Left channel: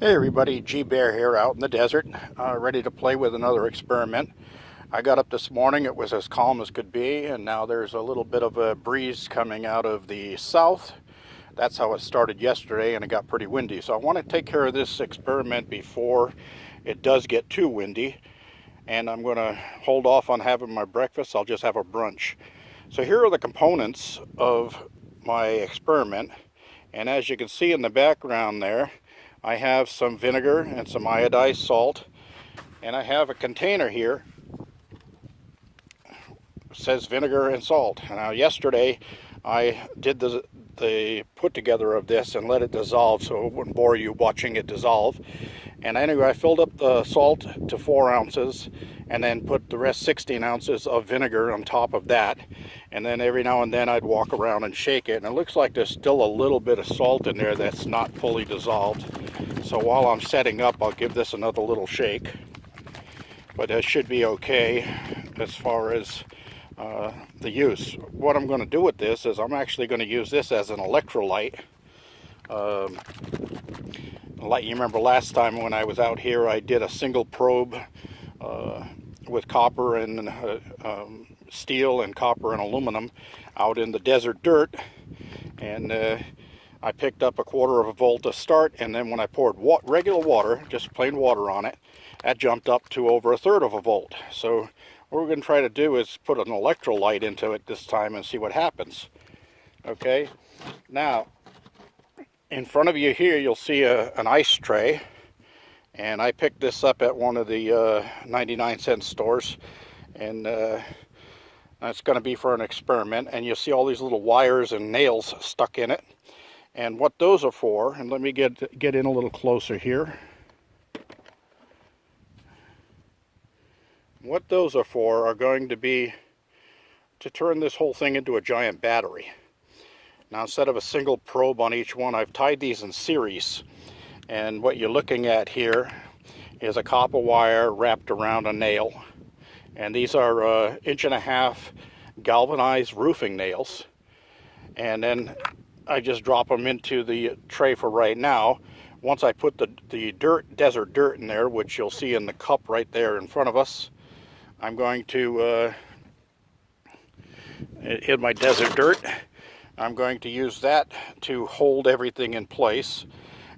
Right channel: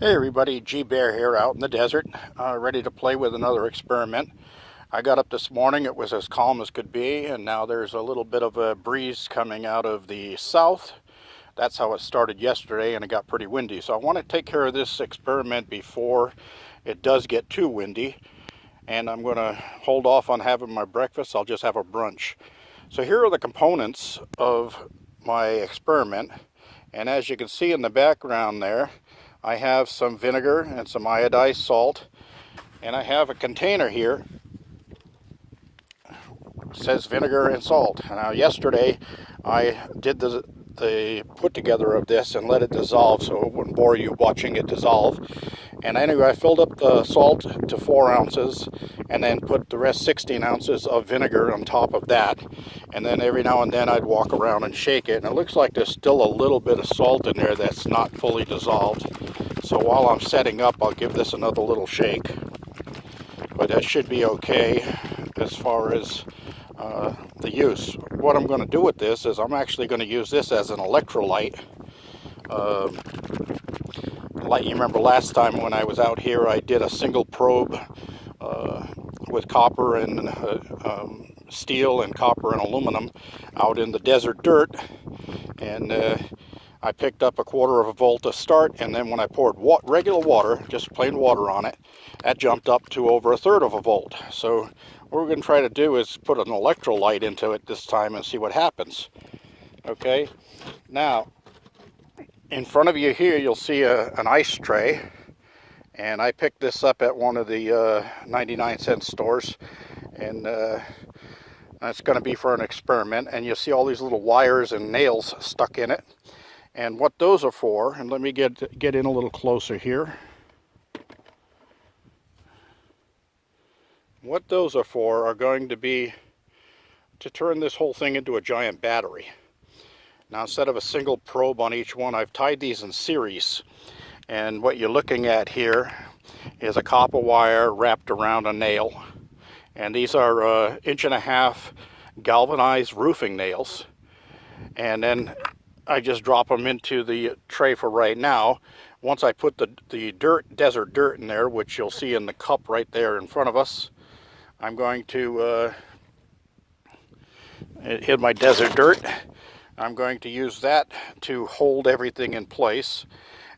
Hey everybody, G Bear here out in the desert, ready to play with another experiment. I got up this morning, it was as calm as could be, and now there's a little bit of a breeze coming out of the south. That's how it started yesterday, and it got pretty windy. So I want to take care of this experiment before it does get too windy, and I'm going to hold off on having my breakfast. I'll just have a brunch. So here are the components of my experiment, and as you can see in the background there, I have some vinegar and some iodized salt, and I have a container here that says vinegar and salt. Now yesterday I did the put together of this and let it dissolve so it wouldn't bore you watching it dissolve. And anyway, I filled up the salt to 4 ounces and then put the rest 16 ounces of vinegar on top of that. And then every now and then I'd walk around and shake it. And it looks like there's still a little bit of salt in there that's not fully dissolved. So while I'm setting up, I'll give this another little shake. But that should be okay as far as the use. What I'm going to do with this is I'm actually going to use this as an electrolyte. Like you remember last time when I was out here, I did a single probe with copper and steel and copper and aluminum out in the desert dirt, and I picked up 1/4 of a volt to start, and then when I poured regular water, just plain water on it, that jumped up to over 1/3 of a volt. So what we're going to try to do is put an electrolyte into it this time and see what happens. Okay, now in front of you here you'll see an ice tray, and I picked this up at one of the 99-cent stores, and that's going to be for an experiment. And you'll see all these little wires and nails stuck in it, and what those are for, and let me get in a little closer here. What those are for are going to be to turn this whole thing into a giant battery. Now, instead of a single probe on each one, I've tied these in series. And what you're looking at here is a copper wire wrapped around a nail. And these are 1.5 inch galvanized roofing nails. And then I just drop them into the tray for right now. Once I put the desert dirt in there, which you'll see in the cup right there in front of us, I'm going to hit my desert dirt. I'm going to use that to hold everything in place.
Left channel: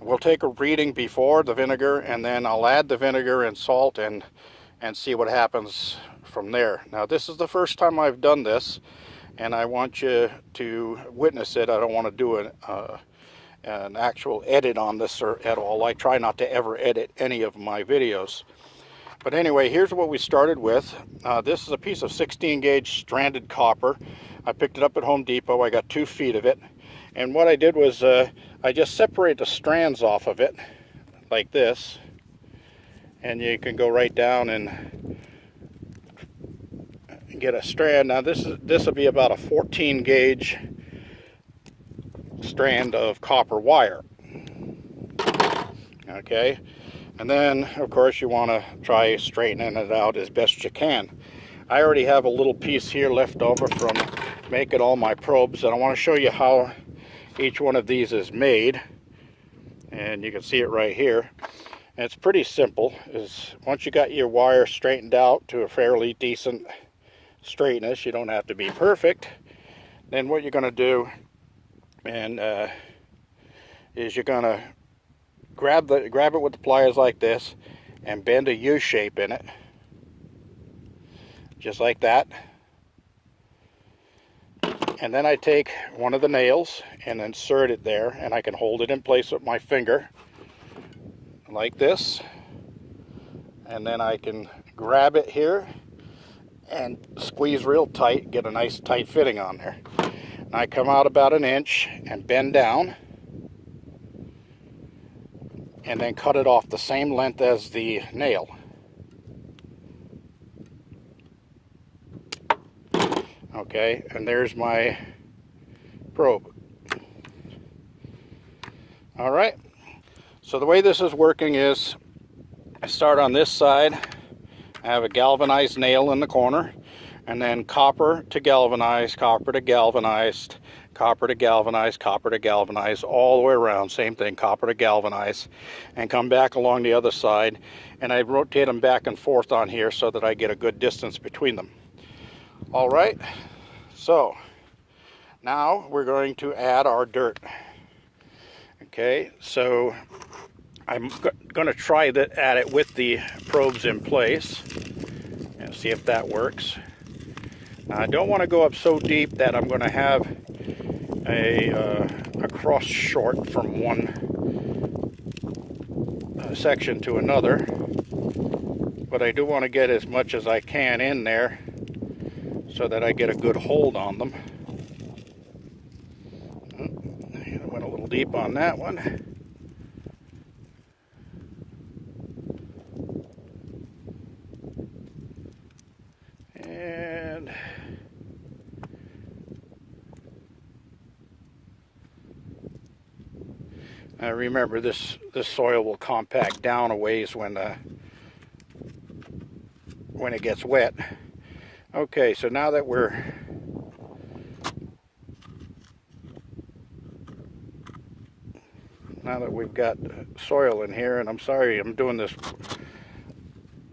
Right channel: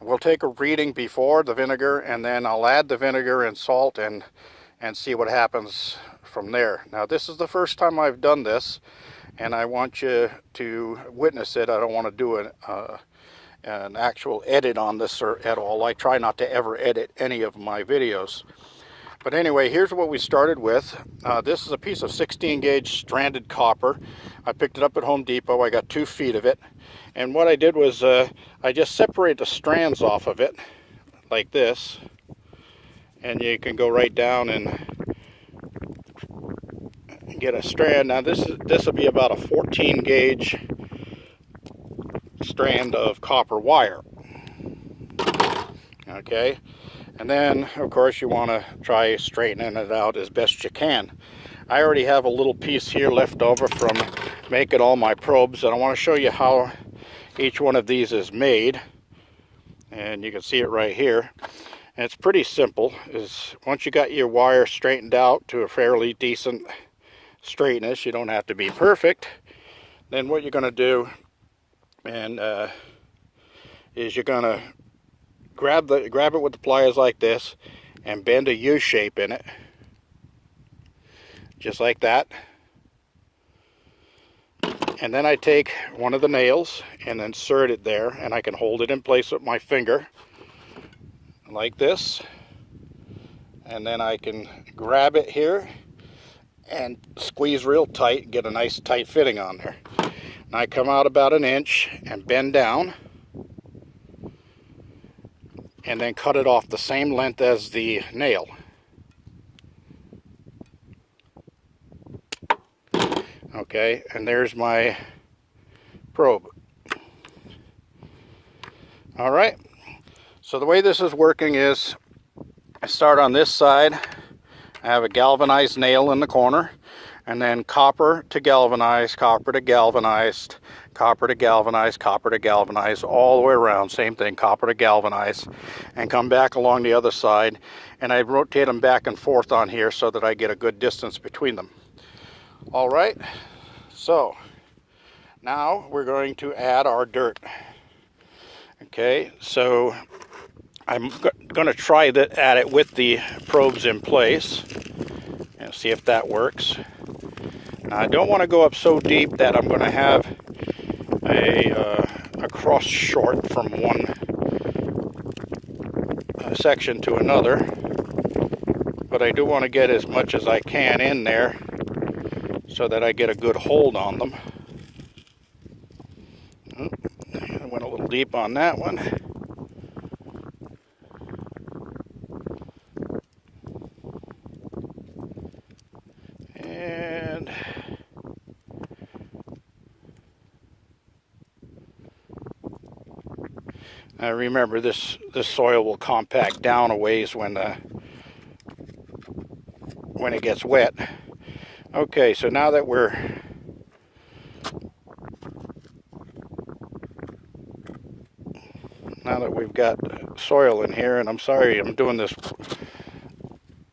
We'll take a reading before the vinegar, and then I'll add the vinegar and salt and see what happens from there. Now, this is the first time I've done this, and I want you to witness it. I don't want to do an actual edit on this at all. I try not to ever edit any of my videos. But anyway, here's what we started with. This is a piece of 16 gauge stranded copper. I picked it up at Home Depot. I got 2 feet of it. And what I did was I just separate the strands off of it like this. And you can go right down and get a strand. Now this will be about a 14 gauge strand of copper wire. Okay. And then, of course, you want to try straightening it out as best you can. I already have a little piece here left over from making all my probes, and I want to show you how each one of these is made. And you can see it right here. And it's pretty simple. Once you got your wire straightened out to a fairly decent straightness, you don't have to be perfect, then what you're going to do is you're going to grab it with the pliers like this and bend a U shape in it, just like that. And then I take one of the nails and insert it there, and I can hold it in place with my finger like this, and then I can grab it here and squeeze real tight, get a nice tight fitting on there. And I come out about 1 inch and bend down, and then cut it off the same length as the nail. Okay, and there's my probe. All right, so the way this is working is I start on this side. I have a galvanized nail in the corner, and then copper to galvanized, copper to galvanized, copper to galvanize, all the way around, same thing, copper to galvanize, and come back along the other side, and I rotate them back and forth on here so that I get a good distance between them. All right, so now we're going to add our dirt. Okay, so I'm going to try to add it with the probes in place and see if that works. Now, I don't want to go up so deep that I'm going to have a cross short from one section to another, but I do want to get as much as I can in there so that I get a good hold on them. I went a little deep on that one. And remember, this soil will compact down a ways when it gets wet. Okay, so now that we've got soil in here, and I'm sorry I'm doing this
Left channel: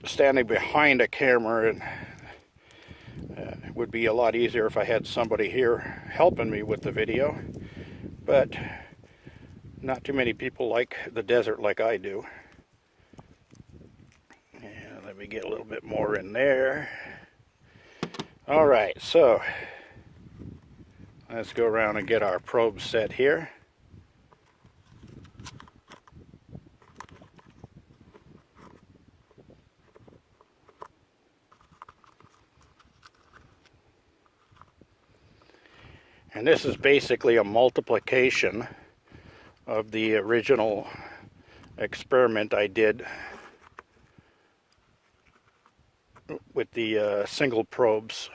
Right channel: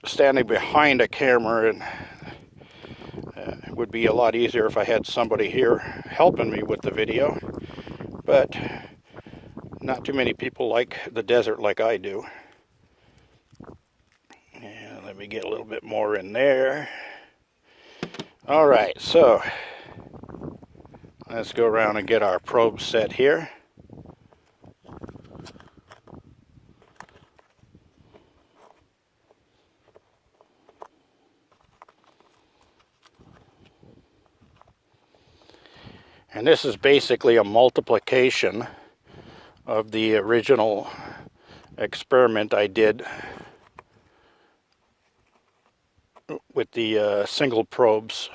standing behind a camera, and it would be a lot easier if I had somebody here helping me with the video, but not too many people like the desert like I do. And let me get a little bit more in there. All right, so let's go around and get our probe set here. And this is basically a multiplication of the original experiment I did with the single probes.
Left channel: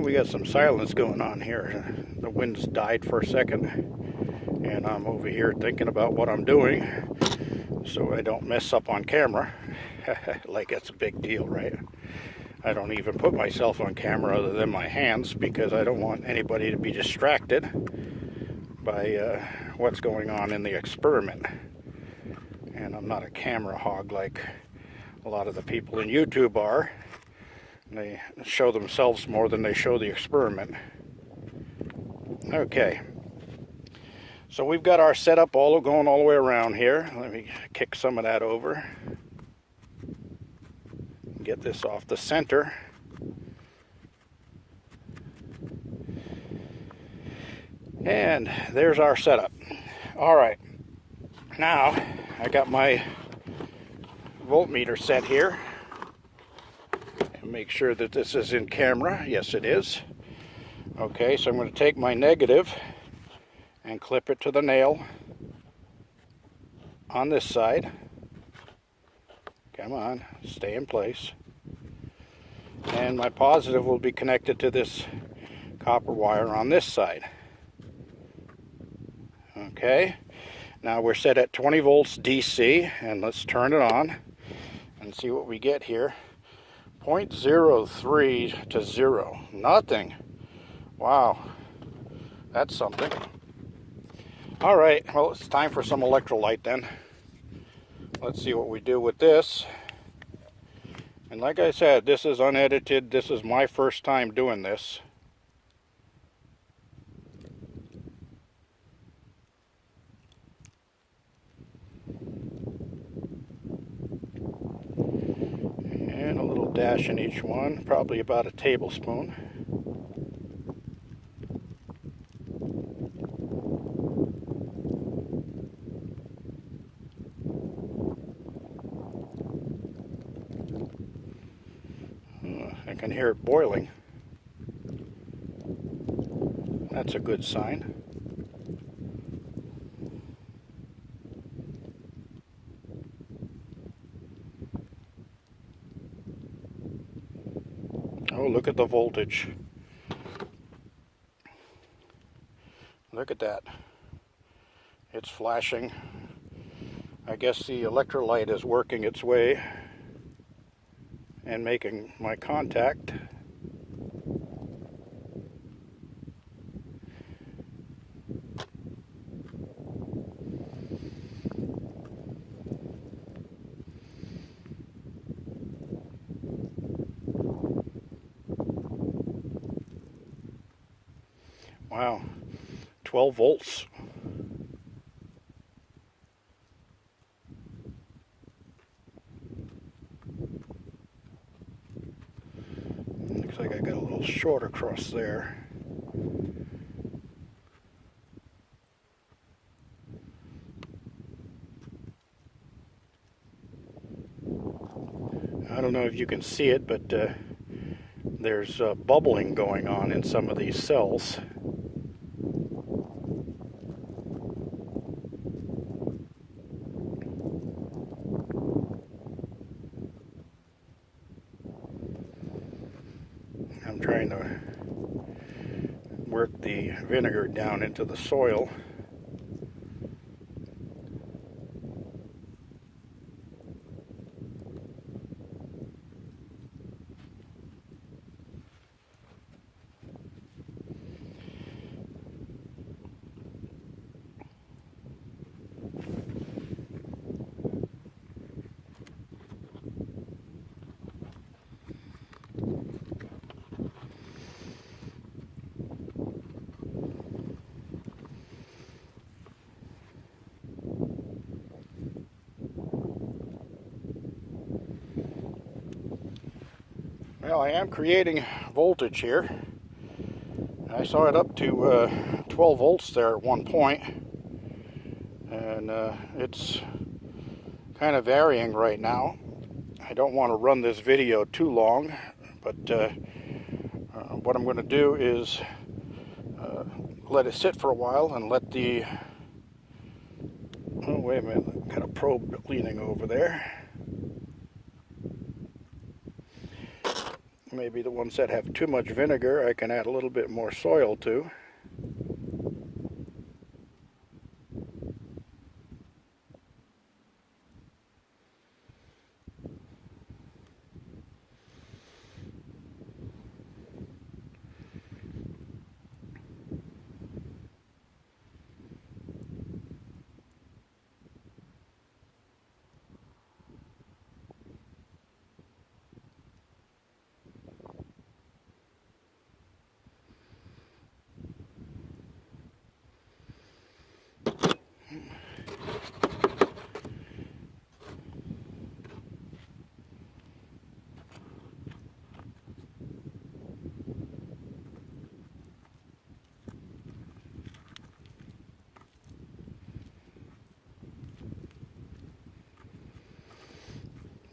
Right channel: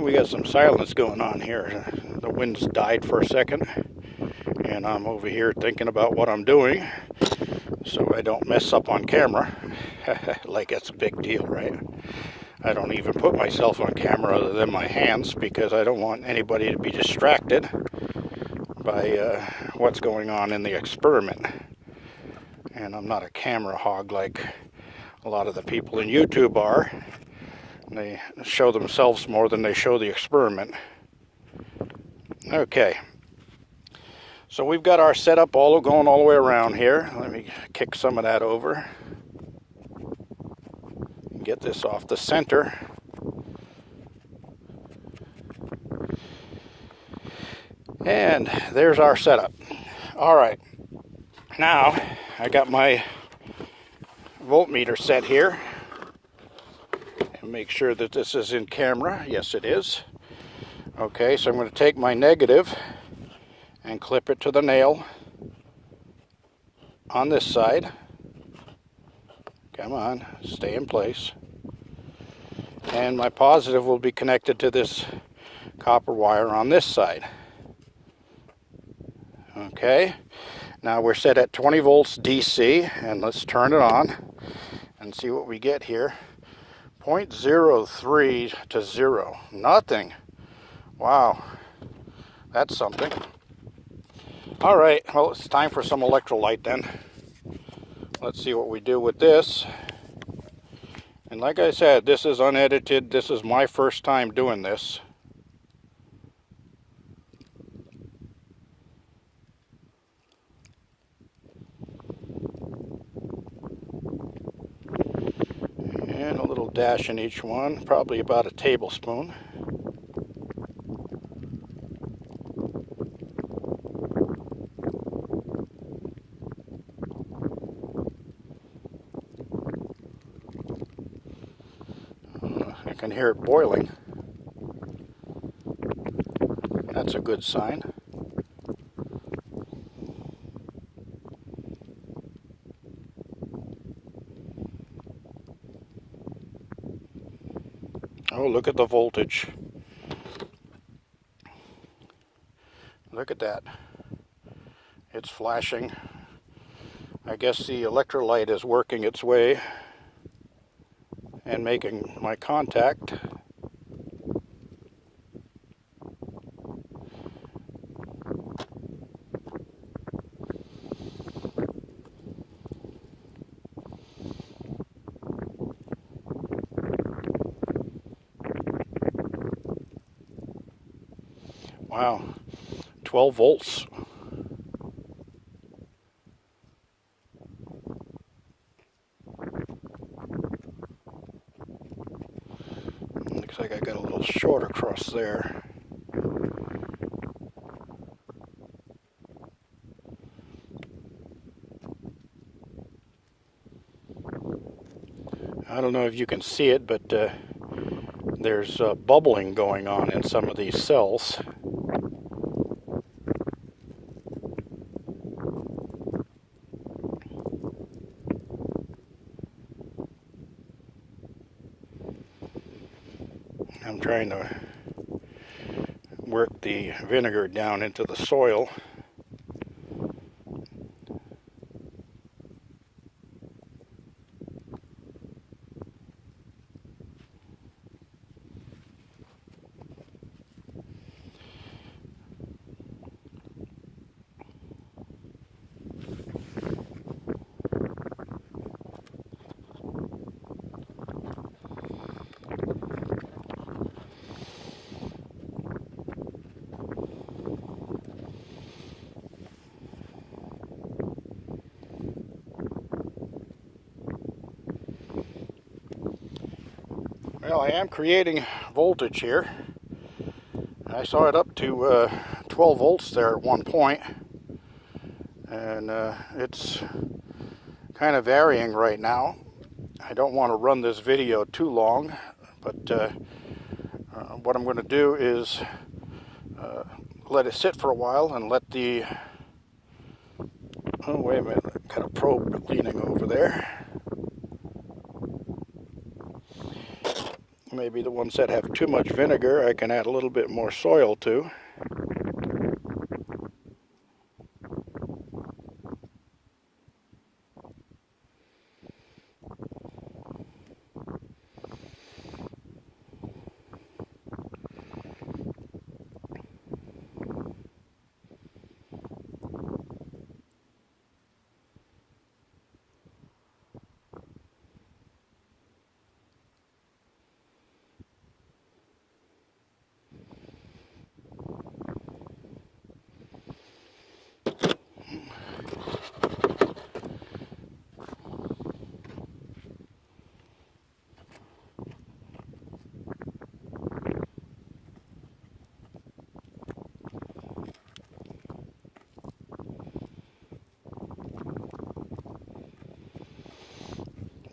We got some silence going on here. The wind's died for a second, and I'm over here thinking about what I'm doing so I don't mess up on camera. Like that's a big deal, right? I don't even put myself on camera other than my hands because I don't want anybody to be distracted by what's going on in the experiment. And I'm not a camera hog like a lot of the people in YouTube are. They show themselves more than they show the experiment. Okay, so we've got our setup going all the way around here. Let me kick some of that over. Get this off the center. And there's our setup. All right, now I got my voltmeter set here. Make sure that this is in camera. Yes, it is. Okay, so I'm going to take my negative and clip it to the nail on this side. Come on, stay in place. And my positive will be connected to this copper wire on this side. Okay, now we're set at 20 volts DC, and let's turn it on and see what we get here. 0.03 to 0. Nothing. Wow. That's something. All right. Well, it's time for some electrolyte then. Let's see what we do with this. And like I said, this is unedited. This is my first time doing this. And a little dash in each one, probably about a tablespoon. I can hear it boiling. That's a good sign. Oh, look at the voltage. Look at that. It's flashing. I guess the electrolyte is working its way and making my contact. Wow, 12 volts. Looks like I got a little short across there. I don't know if you can see it, but there's bubbling going on in some of these cells. I'm trying to work the vinegar down into the soil. Well, I am creating voltage here. I saw it up to 12 volts there at one point, and it's kind of varying right now. I don't want to run this video too long, but what I'm going to do is let it sit for a while and let the... Oh, wait a minute, got a probe leaning over there. Maybe the ones that have too much vinegar, I can add a little bit more soil to.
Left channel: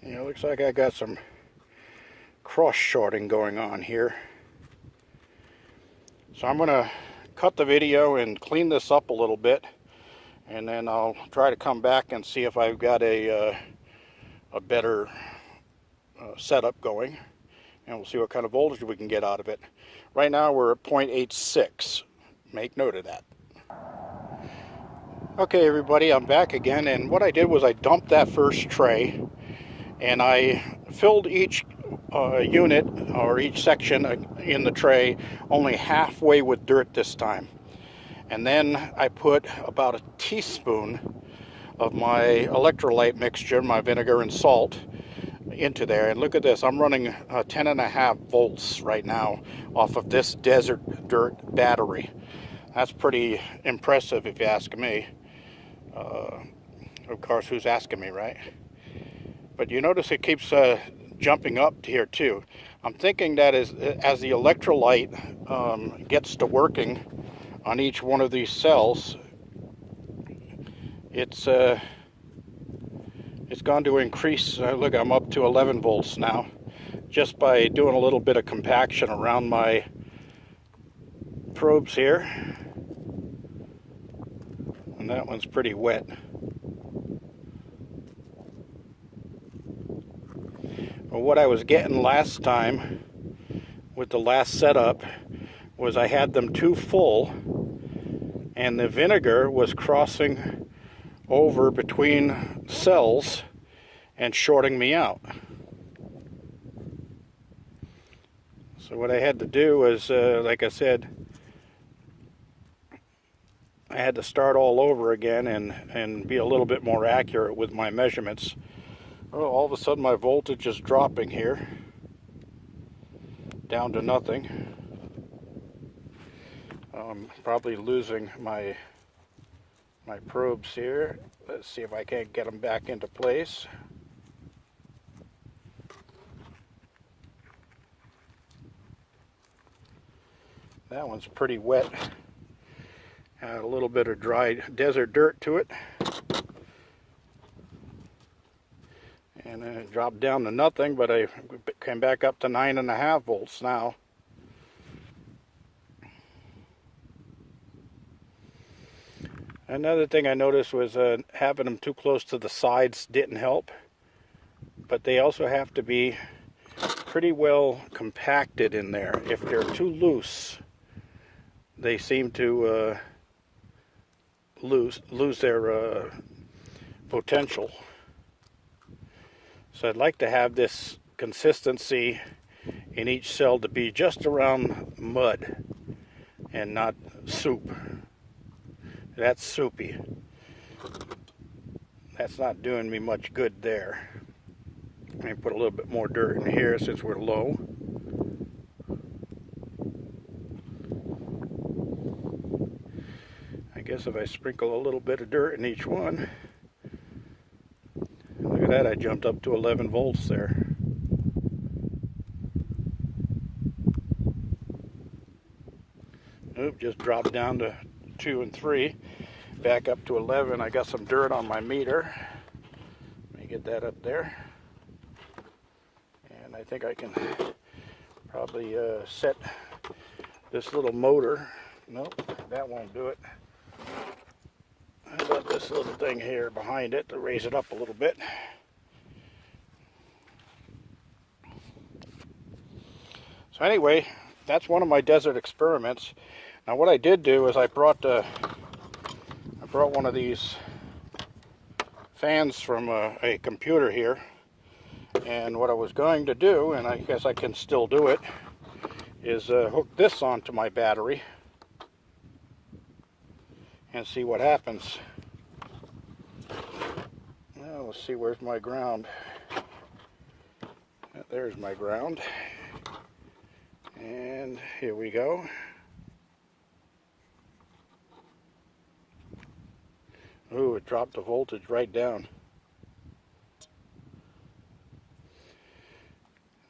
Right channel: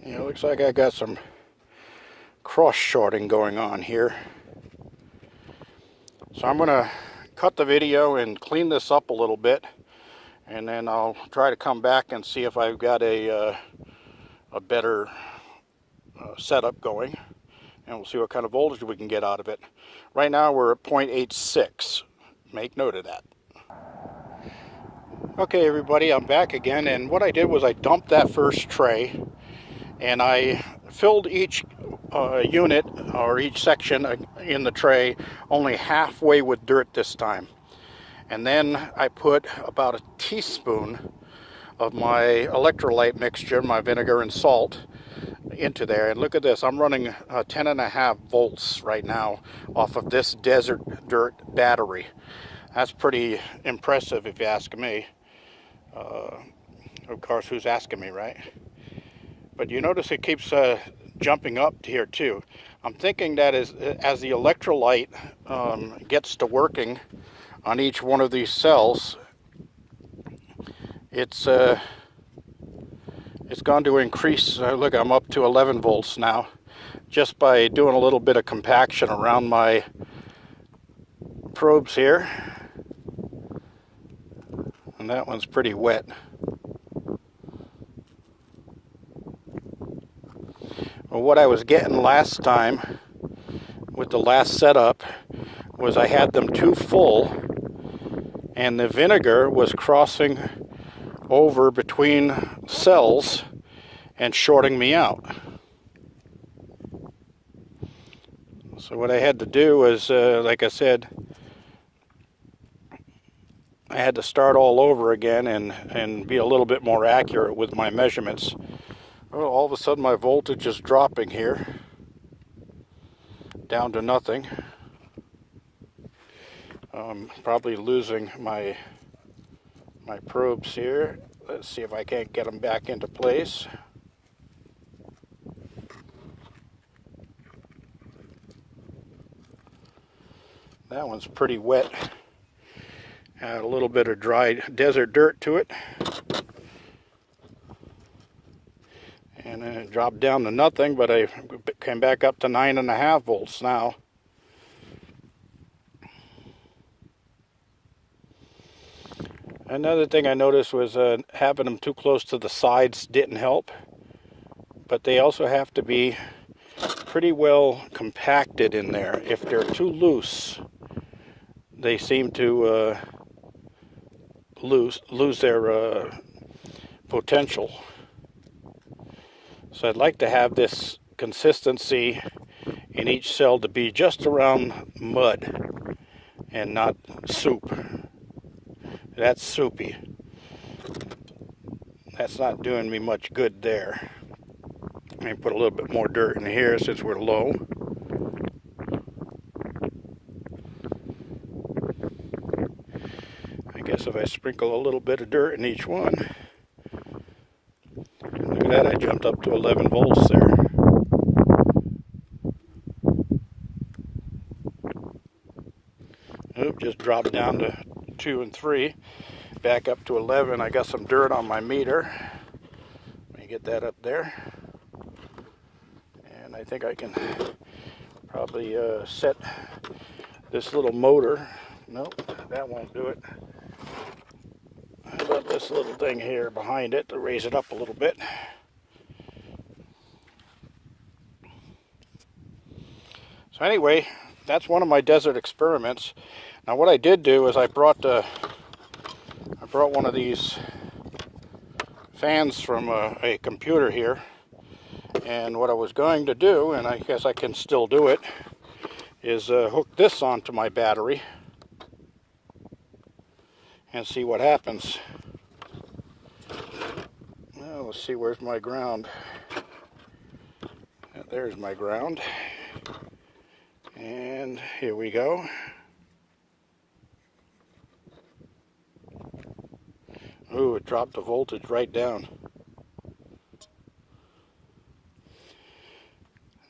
It looks like I got some cross-shorting going on here. So I'm going to cut the video and clean this up a little bit, and then I'll try to come back and see if I've got a better setup going, and we'll see what kind of voltage we can get out of it. Right now we're at 0.86. Make note of that. Okay, everybody, I'm back again, and what I did was I dumped that first tray, and I filled each unit or each section in the tray only halfway with dirt this time. And then I put about a teaspoon of my electrolyte mixture, my vinegar and salt, into there. And look at this, I'm running 10.5 volts right now off of this desert dirt battery. That's pretty impressive if you ask me. Of course, who's asking me, right? But you notice it keeps jumping up here too. I'm thinking that as the electrolyte gets to working on each one of these cells, it's going to increase. Look, I'm up to 11 volts now, just by doing a little bit of compaction around my probes here. And that one's pretty wet. Well, what I was getting last time with the last setup was I had them too full, and the vinegar was crossing over between cells and shorting me out. So what I had to do was, like I said, I had to start all over again and be a little bit more accurate with my measurements. Well, all of a sudden my voltage is dropping here down to nothing. Probably losing my probes here. Let's see if I can't get them back into place. That one's pretty wet. Had a little bit of dry desert dirt to it. And then it dropped down to nothing, but I came back up to 9.5 volts now. Another thing I noticed was having them too close to the sides didn't help. But they also have to be pretty well compacted in there. If they're too loose, they seem to lose their potential. So I'd like to have this consistency in each cell to be just around mud and not soup. That's soupy. That's not doing me much good there. Let me put a little bit more dirt in here since we're low. I guess if I sprinkle a little bit of dirt in each one. Look at that, I jumped up to 11 volts there. Oop, just dropped down to 2 and 3. Back up to 11. I got some dirt on my meter. Let me get that up there. And I think I can probably set this little motor. Nope, that won't do it. How about this little thing here behind it to raise it up a little bit? So anyway, that's one of my desert experiments. Now what I did do is I brought one of these fans from a computer here, and what I was going to do, and I guess I can still do it, is hook this onto my battery and see what happens. Now let's see, where's my ground? There's my ground, and here we go. Ooh, it dropped the voltage right down.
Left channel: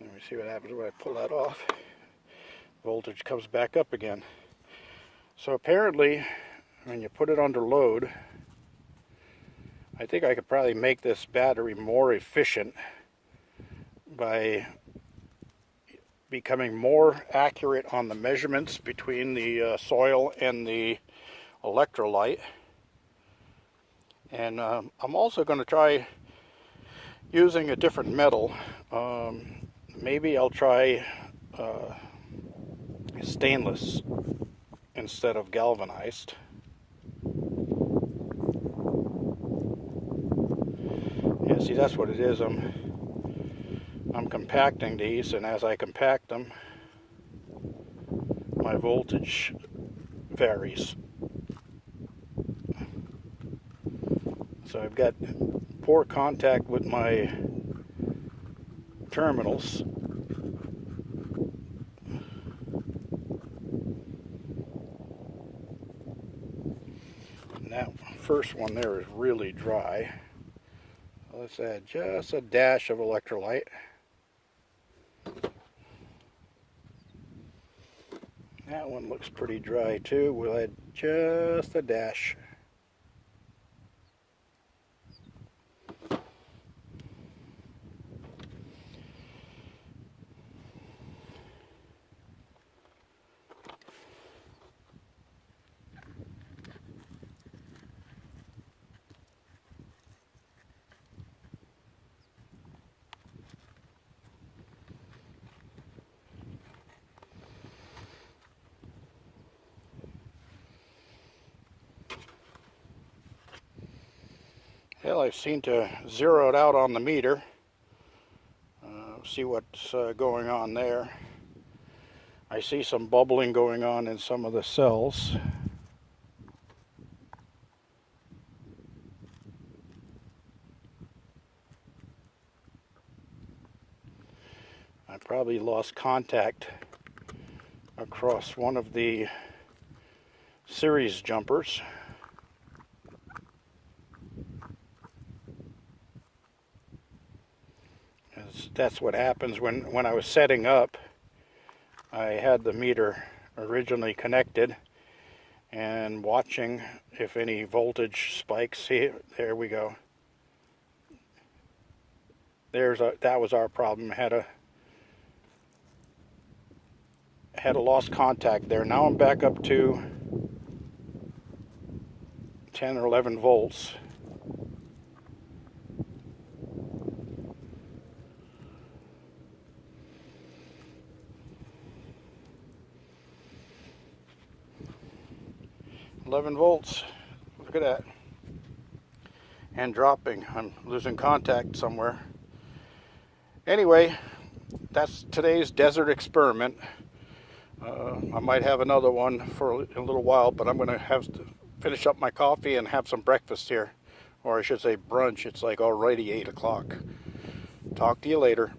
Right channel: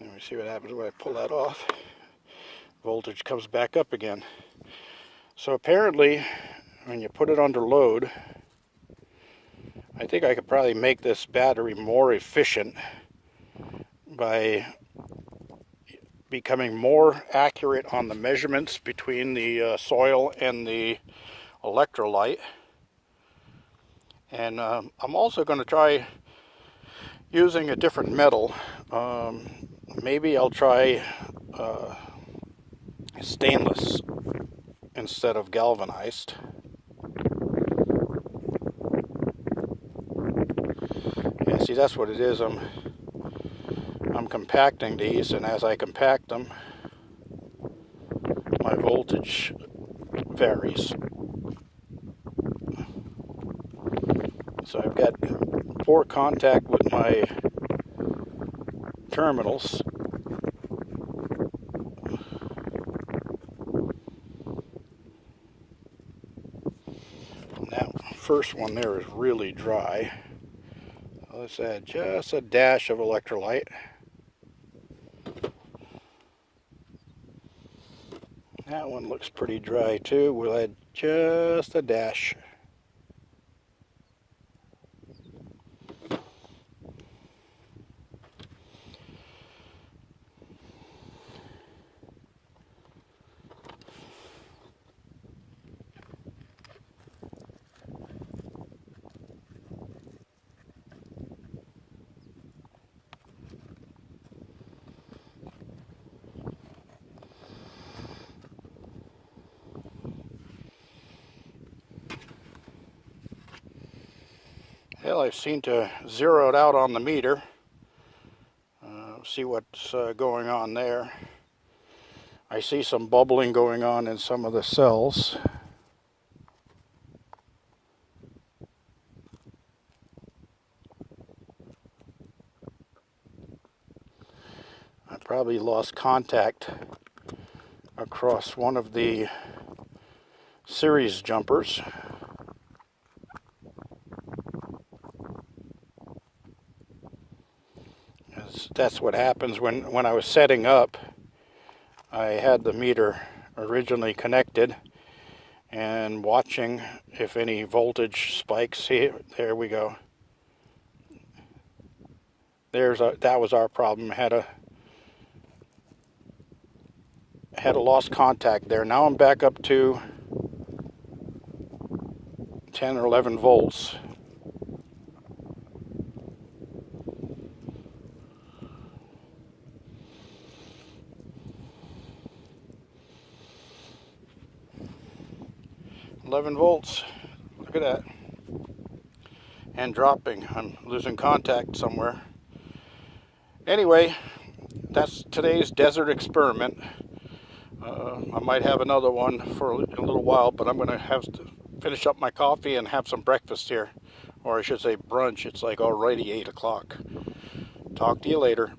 Let me see what happens when I pull that off. Voltage comes back up again. So apparently, when you put it under load, I think I could probably make this battery more efficient by becoming more accurate on the measurements between the soil and the electrolyte. And I'm also going to try using a different metal. Maybe I'll try stainless instead of galvanized. Yeah, see, that's what it is. I'm compacting these, and as I compact them, my voltage varies. So I've got poor contact with my terminals. And that first one there is really dry. Let's add just a dash of electrolyte. That one looks pretty dry too. We'll add just a dash. Well, I seem to zero it out on the meter. See what's going on there. I see some bubbling going on in some of the cells. I probably lost contact across one of the series jumpers. That's what happens when I was setting up. I had the meter originally connected and watching if any voltage spikes. See, there we go. That was our problem. Had a lost contact there. Now I'm back up to 10 or 11 volts. Volts. Look at that. And dropping. I'm losing contact somewhere. Anyway, that's today's desert experiment. I might have another one for a little while, but I'm going to have to finish up my coffee and have some breakfast here. Or I should say brunch. It's like already 8 o'clock. Talk to you later.